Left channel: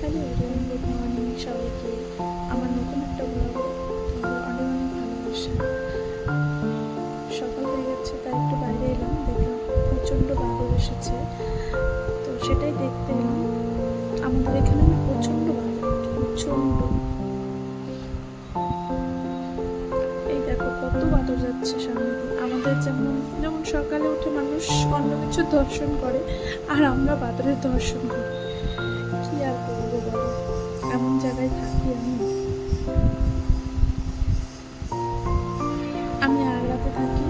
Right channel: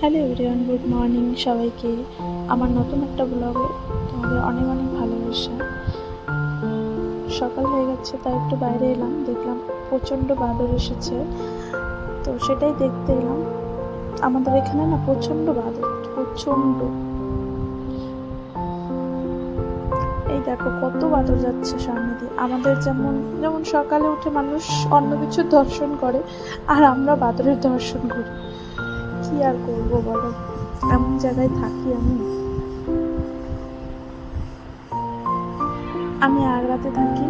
Hello everyone, good morning সবাইকে। আমার নতুন একটা ব্লগে তোমাদের অনেক অনেক ভালোবাসা। সকাল হয়ে গেছে, তাই একটু বাইরে এলাম, দেখলাম প্রচণ্ড বাদর এসেছে। তো সেটাই দেখতে এলাম। আমাদের এখানে না প্রচণ্ড বাদর প্রচণ্ড। এই দেখো কত বাদর যাচ্ছে সামনে দিয়ে। আমাদের যেমন যেমন সকালে উঠে মানুষ অন্য কিছু দর্শন করে, আর আমরা বাদরের দর্শন করি। আর করব বলো? এমন জায়গায় থাকি আমি? আমি আগ্রাতে থাকি?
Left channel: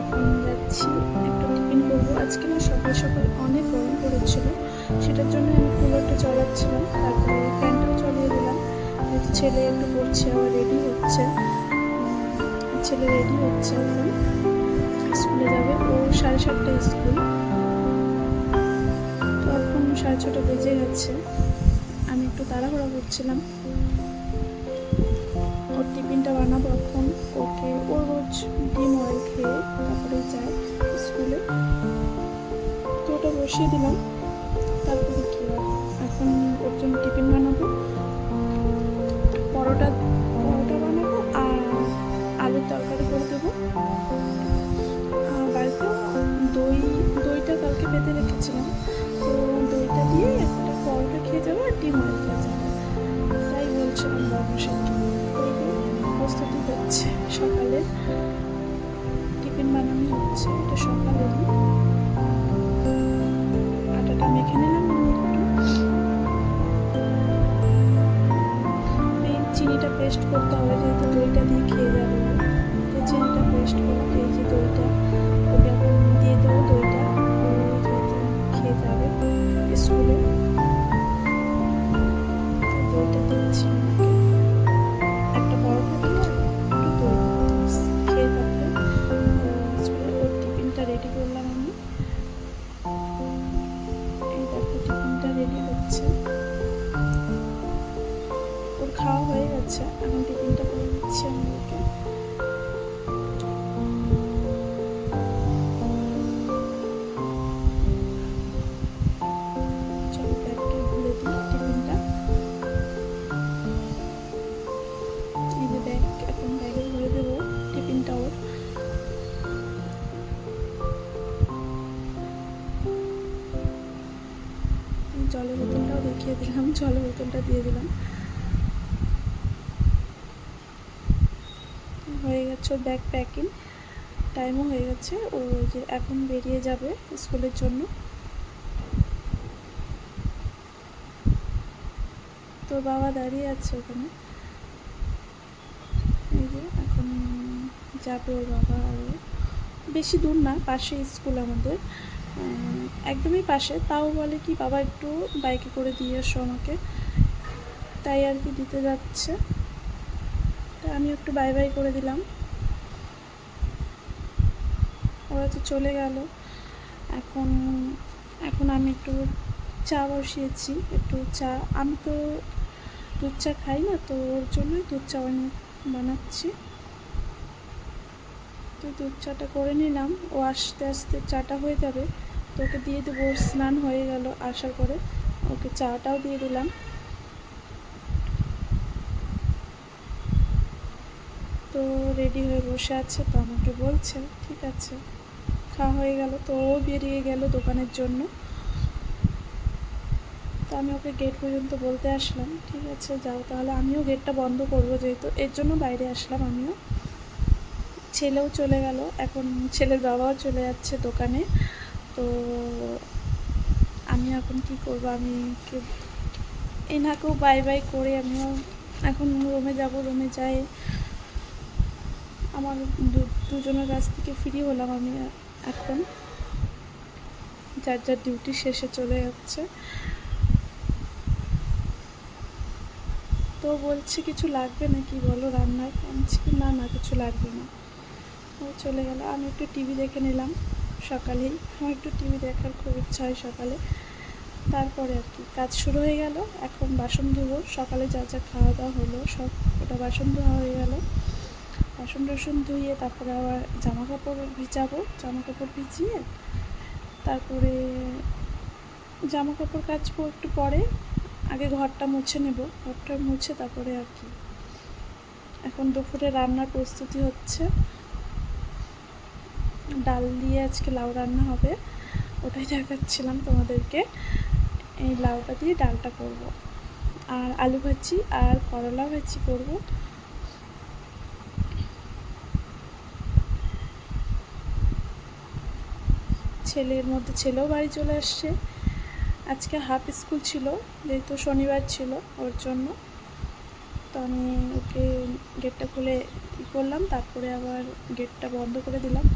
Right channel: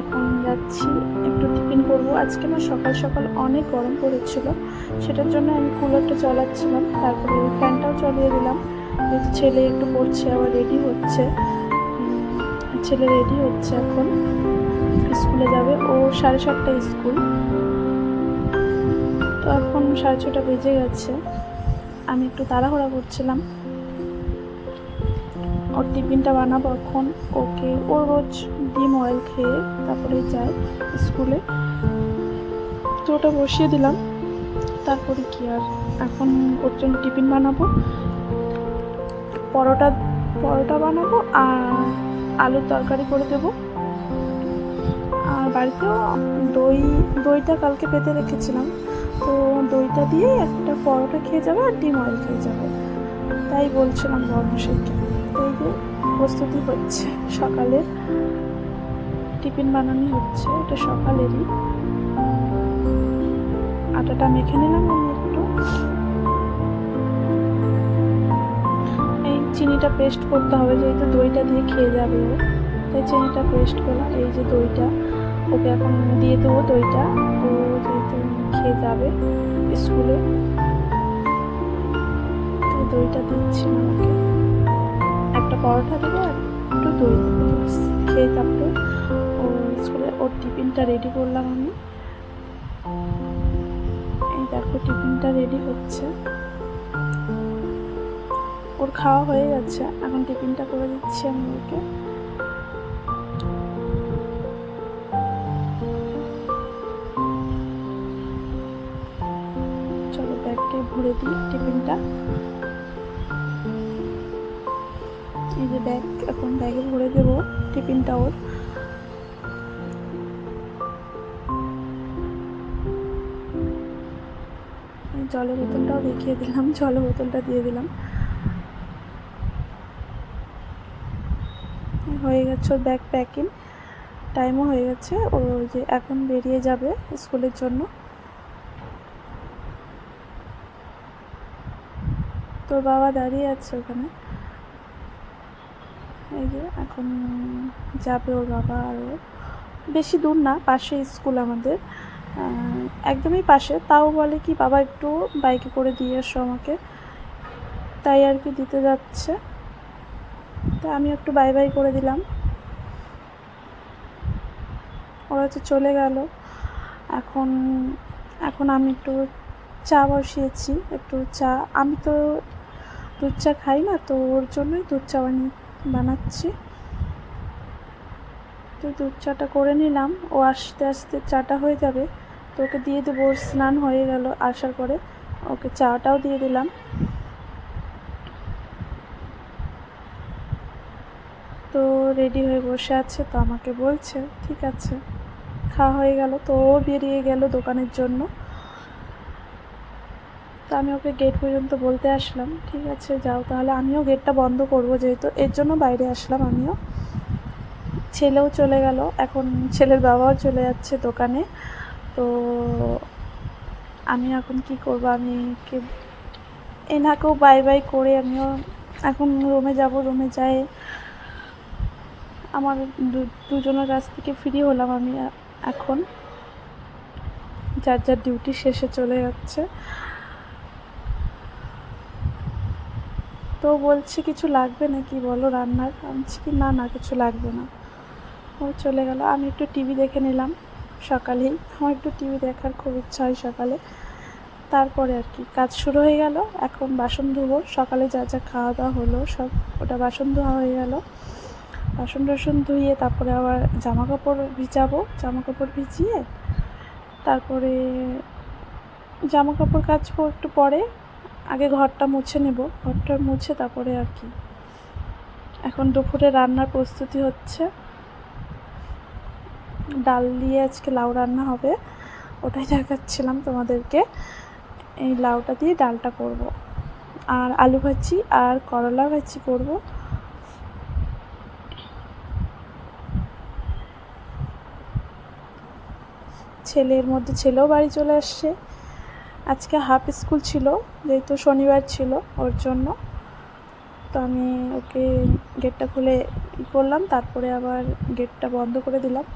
এখন যাচ্ছি, একটু টিফিন করব। আজকে না সকাল সকাল অনেক গরম পড়েছিল, সেটার জন্য আমি কুলারটা চালাচ্ছিলাম। তারপরে ওই ফ্যানটাও চালিয়ে দিলাম। ছেলে একটু পড়ছে, আবার রেডি হচ্ছে। ছেলে রেডি হচ্ছে এখন। স্কুলে যাবে। ও সাড়ে সাতটা স্কুল। তো এখন সাড়ে ছটা বেজে গেছে। আমি একটু তাড়াহুড়া করছিলাম। ওর টিফিনটা বানাবো এখন। ওকে ও রোজ ডিম অয়েল খেয়ে তারপরে যায় স্কুলে। তো ওটা বসিয়ে দিলাম। তারপরে কি আর? এখন ওর জন্য টিফিন বানাবো। পরোটা পরোটা বানাবো আর আলুর তরকারি করে দেবো। বাড়িতেও দই, দইটা কালকে পেতে রেখেছিলাম। তো দইটা দিয়ে একটা পরোটা খেয়ে যাবে আর ডিম অয়েল খেয়ে যাবে। তাই বলছিলাম বর্মশাইকে। তো প্রস্তুতি হচ্ছে সকালের। টিফিন বানানো হচ্ছে, এটা সকালেরই। আটাটা মেখে নিলাম আমি একটু। চিনিটা পেস্ট করতে হবে, যেহেতু দইটা দিয়ে খেয়ে যাবে তাই চিনিটা পেস্ট করলাম, এই যে দইটা। ওকে এখন দিয়ে দেবো দইটা। ও যেহেতু খেয়ে যাবে স্কুলে। দইটা দিচ্ছি আমাকে। একটা পরোটা আর একটু দই খেয়ে তারপরে ও স্কুলে, ওর টিফিনটা রেডি করলাম আমি। এই দেখো টিফিনটা রেডি হচ্ছে। ওর খাওয়া হয়ে গেছে, এখন টিফিনটা করে দিচ্ছি আমি ওকে। দিই টিফিনটা এই যে ব্যাগ এখন ব্যাগে ভরে দেবো টিফিনটা ওর। জলের বোতলটাও দেখিয়ে দিলাম, জলের বোতলটা দিয়ে দিলাম। হয়ে গেছে ওর ব্যাগ প্যাকিং টাইমও হয়ে গেছে, ও যে এখন বেরিয়ে যাবে স্কুলের জন্য। তোর বাবা দাঁড়িয়ে আছে ওখানে? এই যে, এখন যাবে ওর বাবা আর ও। বেশি দূর না পাশে স্কুল আমাদের। একদমই পাশে। তাও বলে কি, বাবা, একটু বাইকে করে দিয়ে এসো আমাকে। তাই আর কি দিতে যাচ্ছে। তা আমি একটু বাই বাই করে দিলাম। ওরা তো চলে গেল। এখন এখন আমি একটু চা বসিয়েছি, একটু চা। আমি তো দুধ চা খাই না, তো ওর জন্যই দুধ চা বানাচ্ছি। তো দুধ চাটা করে নিলাম। ও আস্তে আস্তে চাটা হয়ে যাবে, তো ওকে দিয়ে দেবো স্নান হয়ে গেল আসার পরে। ওকে চাটাও দিয়ে দিলাম। তো রেডি হয়ে বসে আছে, তো আমাকে বলছে, ঠিক আছে, খাওয়া হয়ে গেল। তো ও বেরিয়ে গেল দোকানের জন্য। তো আমি ওকে গেট পর্যন্ত বলতে আসলাম, ঠিক আছে, যাও, তাহলে আমিও গেটটা বন্ধ করব যেহেতু, এর জন্য বাইরে আসলাম আমিও। ছেলেও চলে গেল, এখন ছেলের বাবাও চলে যাচ্ছে দোকানে। তো আমি এখন কি করব, আমি কি, এনাকেও বাই বাই করে আমিও এখন রুমে যাব রুমে যাই। আমার দুজনের কাছ থেকে ফ্রি হলাম আমি এখন। যার যার ডিউটি শেষে চলে যাচ্ছে। তো বলছে, কিছু লাগবে নাকি? বলো রান্নার আমি কি? না না, কিছু লাগবে না। ও চলে গেল। আমি একটু টিভি দেখে নিলাম সকালেই আমার একটু টিভি দেখার খুব ইচ্ছা হয় সকালে। তারপরে আর কি, কাজ শুরু হয়ে গেল। এখন বাসন ধোবো। সকালে যা যা খাওয়া দাওয়া হলো, সব ওটা বাসন ধোয়া হয়ে গেল। বাসন টাসন ধুয়ে তারপরে আবার জামা কাপড় ভিজাবো। জামা কাপড় ভিজিয়ে তারপরে জামা কাপড় কাচবো একটু পরে। আগে ঘরটা মুছে নেব, ঘরটা মুছে তারপরে আর কি। এখন দুপুরে রান্নার প্রস্তুতি হচ্ছে, ডাল দিয়ে আজকে লাউ রান্না হবে, ওটাই দেখাচ্ছিলাম তোমাদেরকে। এই লাউটা দিয়ে ডালটা করব। আর আলু ভাজি আর করলা ভাজি করব। ছেলের মধ্যে ছেলেও বাড়ি চলে আসছে। আজকে হাফ স্কুল ছিল, যেহেতু শনিবার ছিল ওর জন্য। তো আমি ওকে গেটটা খুলে করলাম, তারপরে আবার গেটটা বন্ধ করে দিলাম।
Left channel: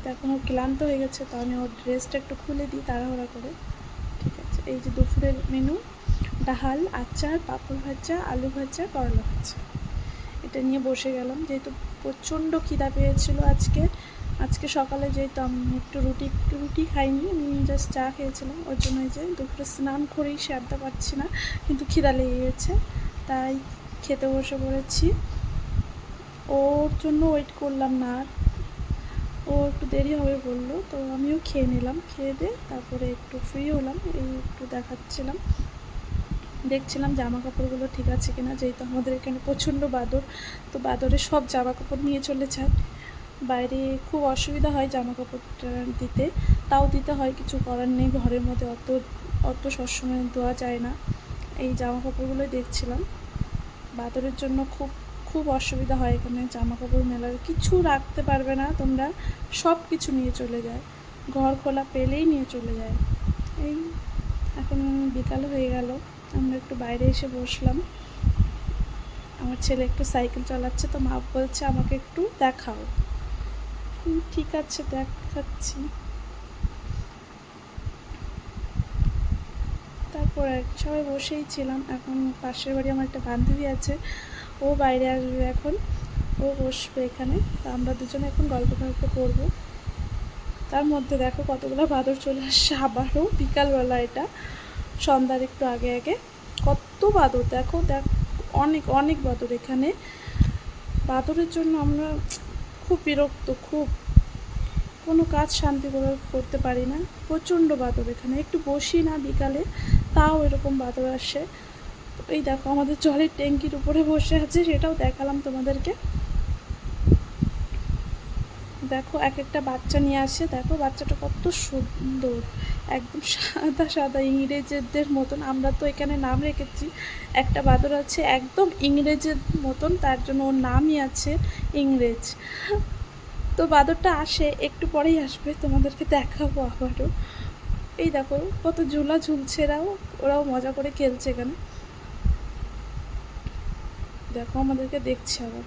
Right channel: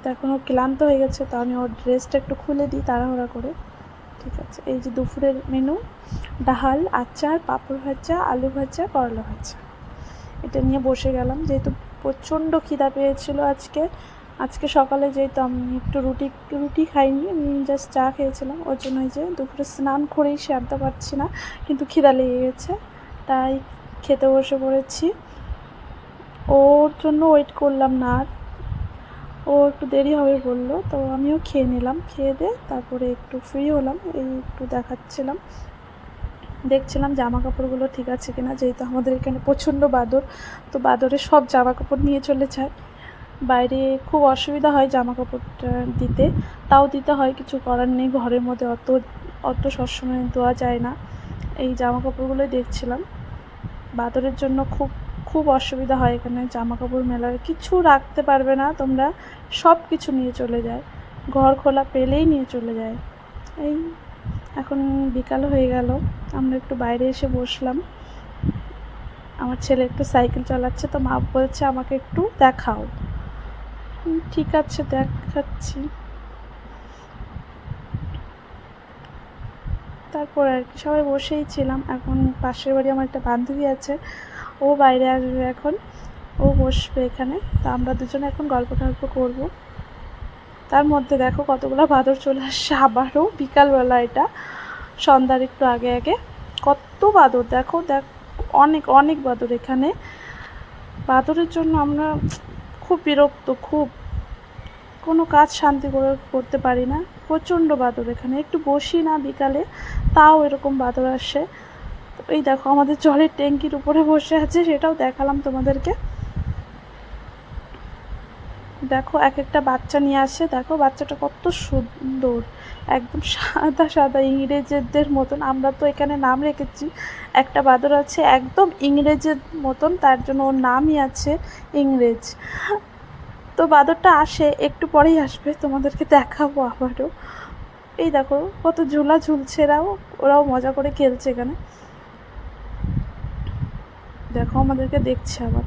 তো এখন ও ক্লান্ত হয়ে গেছে, তো আমি ওর ড্রেসটা একটু খুলে দিই তাড়াহুড়া করে। ঠিক আছে, এই যে দুপুরের মেনু ডাল, আচার, পাঁপড় ভাজা, আলু ভাজা, করলা ভাজা। এটা নিয়ে বসে গেলাম, যেহেতু প্রচণ্ড খিদা পেয়েছিল আজকে আজকে সকালে যেহেতু আমি একটু রুটি রুটি খাইনি, আমি জাস্ট চা খেয়েছিলাম। ওর জন্য যে দুপুরে স্নান করেই সারতে পারছি না, কিন্তু খিদা লেগে গেছে, তাই খেতে বসে পড়েছি। ওর জন্য ওয়েট করলাম না ও একটু দেরি হবে বলল, তো আমিও খেয়ে নিলাম, খেয়ে দিয়ে তারপরে একটু ফ্রি হলাম, এই একটু দেখাচ্ছিলাম। দেখছিলাম জামা কাপড়গুলো ঠিক আছে কিনা, যেহেতু আমাদের এখানে প্রচণ্ড বাদর, তো বাদরে সব জামা কাপড় নিয়ে চলে যায়। বাইরে খুব অসুবিধা হয় জামা কাপড়টা দিতে। তাও দিতে হয়, কিছু করার নেই ঘরের মধ্যে, অত অত সবসময় দেওয়া যায় না। এই জামা কাপড়গুলোই দেখছিলাম। বাদরের জন্য খুব খুব অসুবিধা হয় এখানে জামা কাপড় মেলার। কিছু রাখতে পারবে না তোমরা, সব কিছু নিয়ে চলে যায়। ঘর খোলা পেলেই নিয়ে চলে যায়। এই, এখন বিকাল হয়ে গেল, আমরা একটু বাইরে এসে বসলাম। আমার ছেলে একটু সাইকেল চালাচ্ছে, তো মা বলছে আমাকে একটু দেখাও। ঠিক আছে, দেখাচ্ছি। তারপর আর কি, সবাই বসেই ছিলাম। এখন পাশের বাড়ি আমার একটা বান্ধবী আছে, ও বাইরে আসবে এখন, ও বসবে এখানে। তা আমরা দুজনে এখন গল্প টল্প করব। তার মধ্যে দেখো কতগুলো বাদর চলে আসছে, আবারও বিকালবেলা এটা, সন্ধ্যার একটু আগে আগে। কত বাদর, দেখো, দেখ, অনেক অনেক বাদর এখানে। বাদরের জন্য আমরা খুব বিরক্ত, খুব কোনো কাজ শান্তি করে করতে পারি না। প্রচণ্ড বাদর এখানে। একটু বসি না বিকালে, তাও এরকম বাদর আসে। এই দেখো, আমাদের জলের ট্যাঙ্কির উপরে বসে আছে, সেটাও দেখালাম তোমাদেরকে। দেখো এক একটা বাচ্চা নিয়ে আসে। দেখো, বাচ্চাটা কত সুন্দর। একদম সাদা সাদা ইংরেজদের মতন। আমরা তো এখানে নাম রেখেছি। একটা বাদর আছে, একদম ইংরেজের মতন। তার জন্য ওর নামই আছে ইংরেজ। তো বাদরটা আসে, একটু পরেই আসবে। তোমাদেরকে দেখাবো আবারও। এই দেখো, কত ঝোলা ঝুলছে এরাও। ওরাও মজা করে খেলছে এখানে। দেখো, আমাদেরকে দেখছে আবার।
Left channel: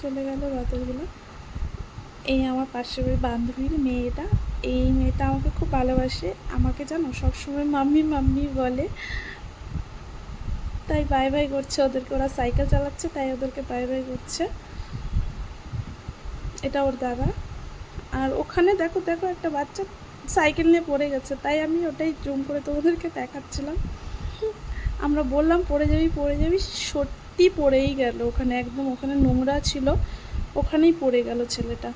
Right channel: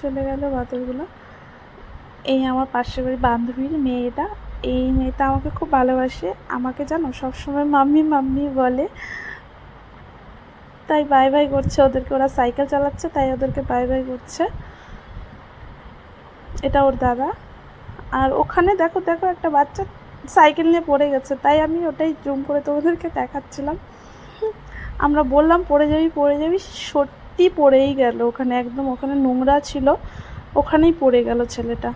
চলে গেল বাদরগুলো। এই আমার পাশের বাড়ির বান্ধবীর মেয়েটা, এই মেয়েটা আমাকে খুব ভালোবাসে। আমাকে জানো, সবসময় মাম্মি মাম্মি বলে। তাই বাই বাই করছে ওদেরকে। ওরা সাইকেল চালাচ্ছে, তাই ওদেরকে বাই বাই করছে। এটা ওর দাদা। আর ওখানে দেখো দেখো একটা বাচ্চা সাইকেল নিয়ে পড়ে গেছে। তাই আমি ওটাই জুম করে তোমাদেরকে দেখাচ্ছিলাম। আমরা বললাম, পড়ে যাবি পড়ে যাবি, সত্যি পড়েই গেল। ওখানে একদম ওখানে নোংরা ছিল, ওখানেই পড়ে গেল ছেলেটা।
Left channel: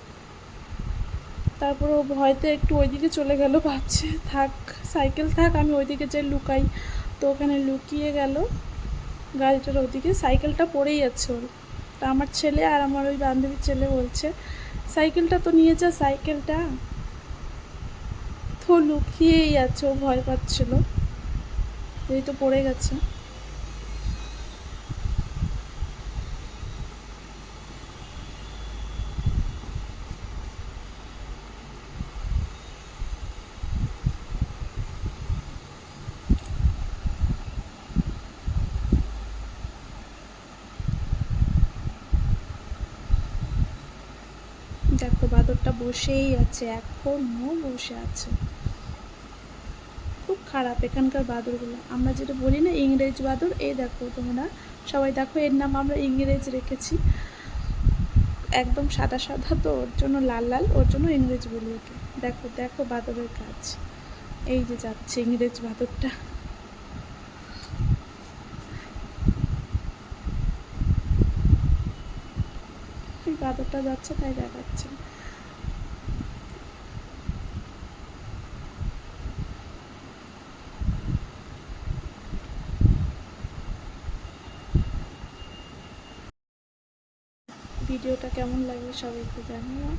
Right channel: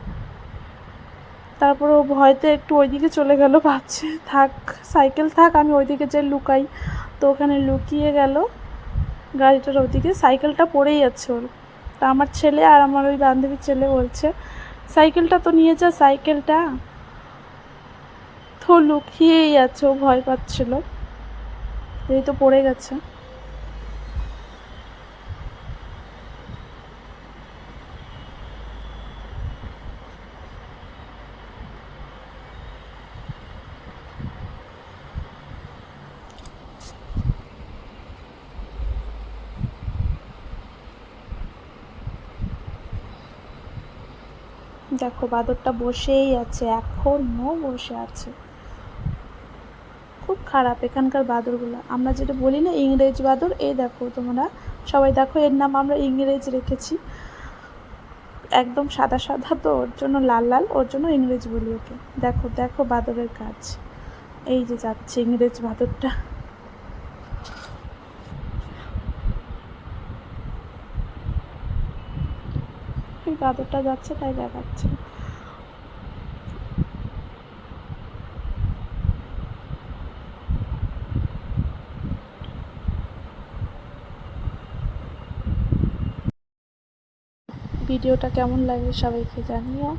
তারপর ও ভয়তে একটু ওইদিকে চলে গেল, ভাবছে, থাক, সাইকেল থাক, আমি ওইদিকে যাই লুকাই। তো ওখানে লুকিয়ে গেল, গাড়িটার ওদিকে সাইকেলটা পড়েই যাচ্ছে ওর। তা আমার ছেলে আর আমার ওই বান্ধবীর ছেলে বলছে, সাইকেলটা তো নিয়ে যা, সাইকেলটা। তো লুকিয়েই আছে, ও ভয় পাচ্ছিল। এই তো পড়ে গেছে। দেখো, বাদরটা বসেই আছে এখনও বসে আছে। খুব খারাপ এখানকার বাদরগুলো। আমরা যেটা বলি না, ইংরেজ বাদর, এই দেখো তোমরা সবাই দেখো, এর নাম আমরা ইংরেজ রেখেছি। একদম সাদা সাদা তো, ওর জন্য লাল লাল, ওর জন্য ইংরেজ বলি ওকে। দেখো দেখো বাদরের কাজ। এই যে যাচ্ছে ইংরেজ বাদরটা। গাদরটা যাচ্ছে, তাই দেখাচ্ছে। ভিডিওটা কেমন লাগবে সবাইকে জানিও,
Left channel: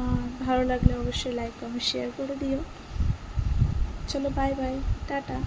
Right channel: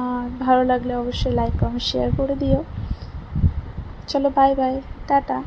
আর ভালো লাগলে অবশ্যই লাইক কমেন্ট শেয়ার করে দিও চলো বাই বাই টাটা